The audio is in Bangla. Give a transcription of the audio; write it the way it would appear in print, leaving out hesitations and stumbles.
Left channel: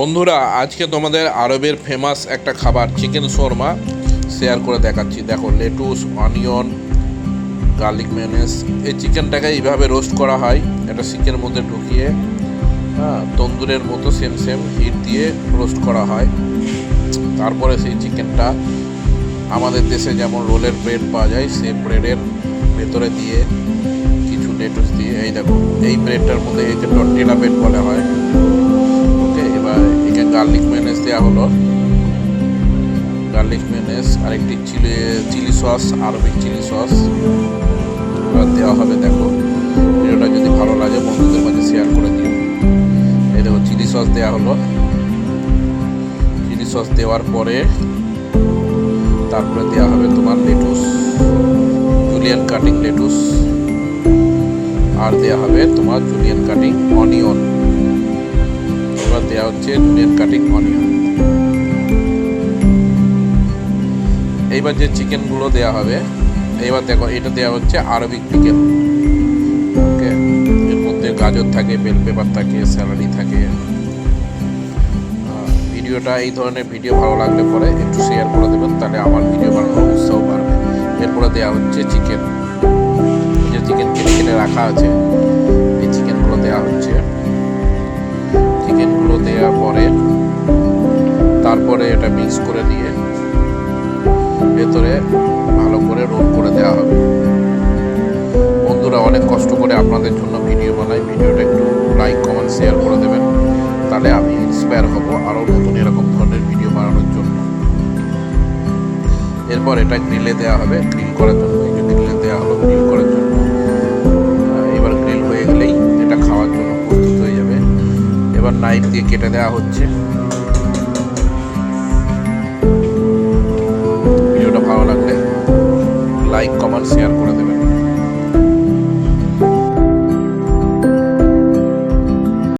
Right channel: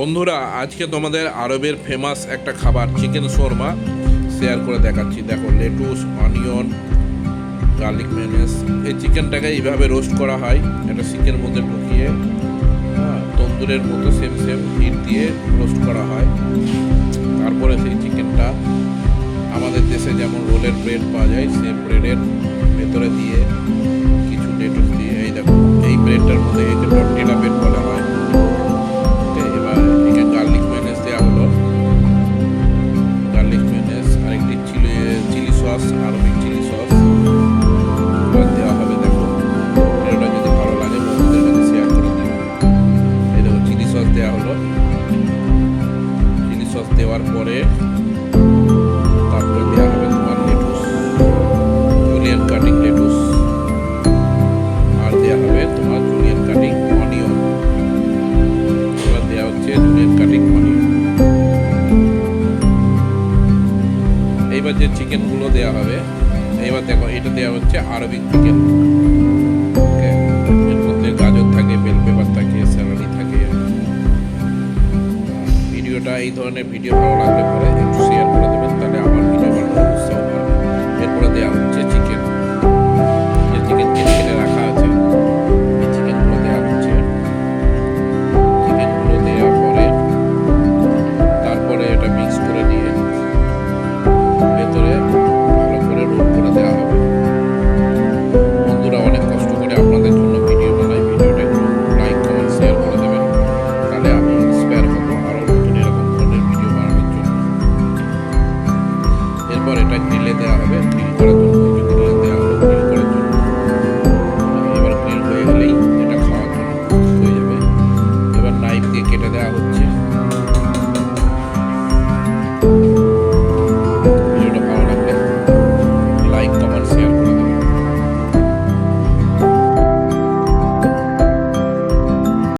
বন্ধুরা, আজকে তোমাদের আরবের ফেমাস একটা খাবার চিকেন শোরমা শেয়ার করে দেখাচ্ছি। দেখো, লেটুস, অনিয়ন, গার্লিক মেয়োনেজ। এই চিকেনটাকে এইভাবে রোস্ট করা হয়, এটা শিকের মধ্যে ঢুকিয়ে তন্দুরের মতো সেম হিট দিয়ে রোস্ট করা হয়। তারপরে সেই চিকেনটা আমাদের দেশে যেমন রোলের ব্রেড পাওয়া যায়, সেই ব্রেডের ভেতরে দিয়ে কিছু লেটুস দিয়ে, এই দেখো এই ব্রেডটার মধ্যে একে টর্টিলা ব্রেড বলা হয়। ওকে, এবার এখানে গার্লিক মেয়োনেজ দেওয়া হলো, গার্লিক মেয়োনেজ আর একটি chilli sauce, Arabic chilli sauce এবার দেওয়া হবে। দেখো, ভিডিওটা যদি ভালো লাগে বন্ধুদের মাঝে শেয়ার করে দিও। এই দেখো চিলি সস দেওয়া হলো। চিলি সস দেওয়ার পরে তারপরে দেওয়া হবে তোমার লেটুস, জুলিয়ান কাটিং লেটুস, আর দেওয়া হবে তোমার জুলিয়ান কাটিং অনিয়ন। এবার দেওয়া হচ্ছে জুলিয়ান কাটিং অনিয়ন। এইবার যে চিকেনগুলো দেওয়া হবে, এইবার দেখো এটা দেওয়া হচ্ছে আরবিক চিকেন। ওকে, এর মধ্যে গাজর থাকে, বেল পেপার থাকে, স্যালারি থাকে। ভিডিওটা এই ধরনের ভিডিও ভালো লাগলে পরে একটু শেয়ার করে দেবেন, তাহলে আমার ভিডিও বানানোর উৎসাহ বাড়বে। এরপরে দেওয়া হচ্ছে চিকেন, যে চিকেন কেটে রাখা আছে এই চিকেনগুলো দেওয়া হচ্ছে। চিকেনগুলো দেওয়ার পরে তারপরে এটা মিক্স করে দিয়ে ভেতরে ভালো করে রোল করে দেওয়া হবে। বন্ধুরা, অনেক কষ্ট করে আপনাদের জন্য ভিডিও বানাই, ভিডিওটা একটু লাইক কমেন্ট শেয়ার করে দেবেন, তাহলে আমি ইন্সপায়ার হব আরও নতুন এরকম ধরনের ভিডিও বানানোর জন্য। এরপর এটা গ্রিলে দেওয়া হবে, গ্রিল করার জন্য। এই যে গ্রিলে দেওয়া হলো গ্রিল করার জন্য। এবার গ্রিল হয়ে গেলেই এটা খাওয়ার জন্য প্রস্তুত হয়ে যাবে। এবার নাইফ দিয়ে কেটে দেওয়া হচ্ছে। ভিডিওটা ভালো লাগলে লাইক কমেন্ট শেয়ার করে দেবেন।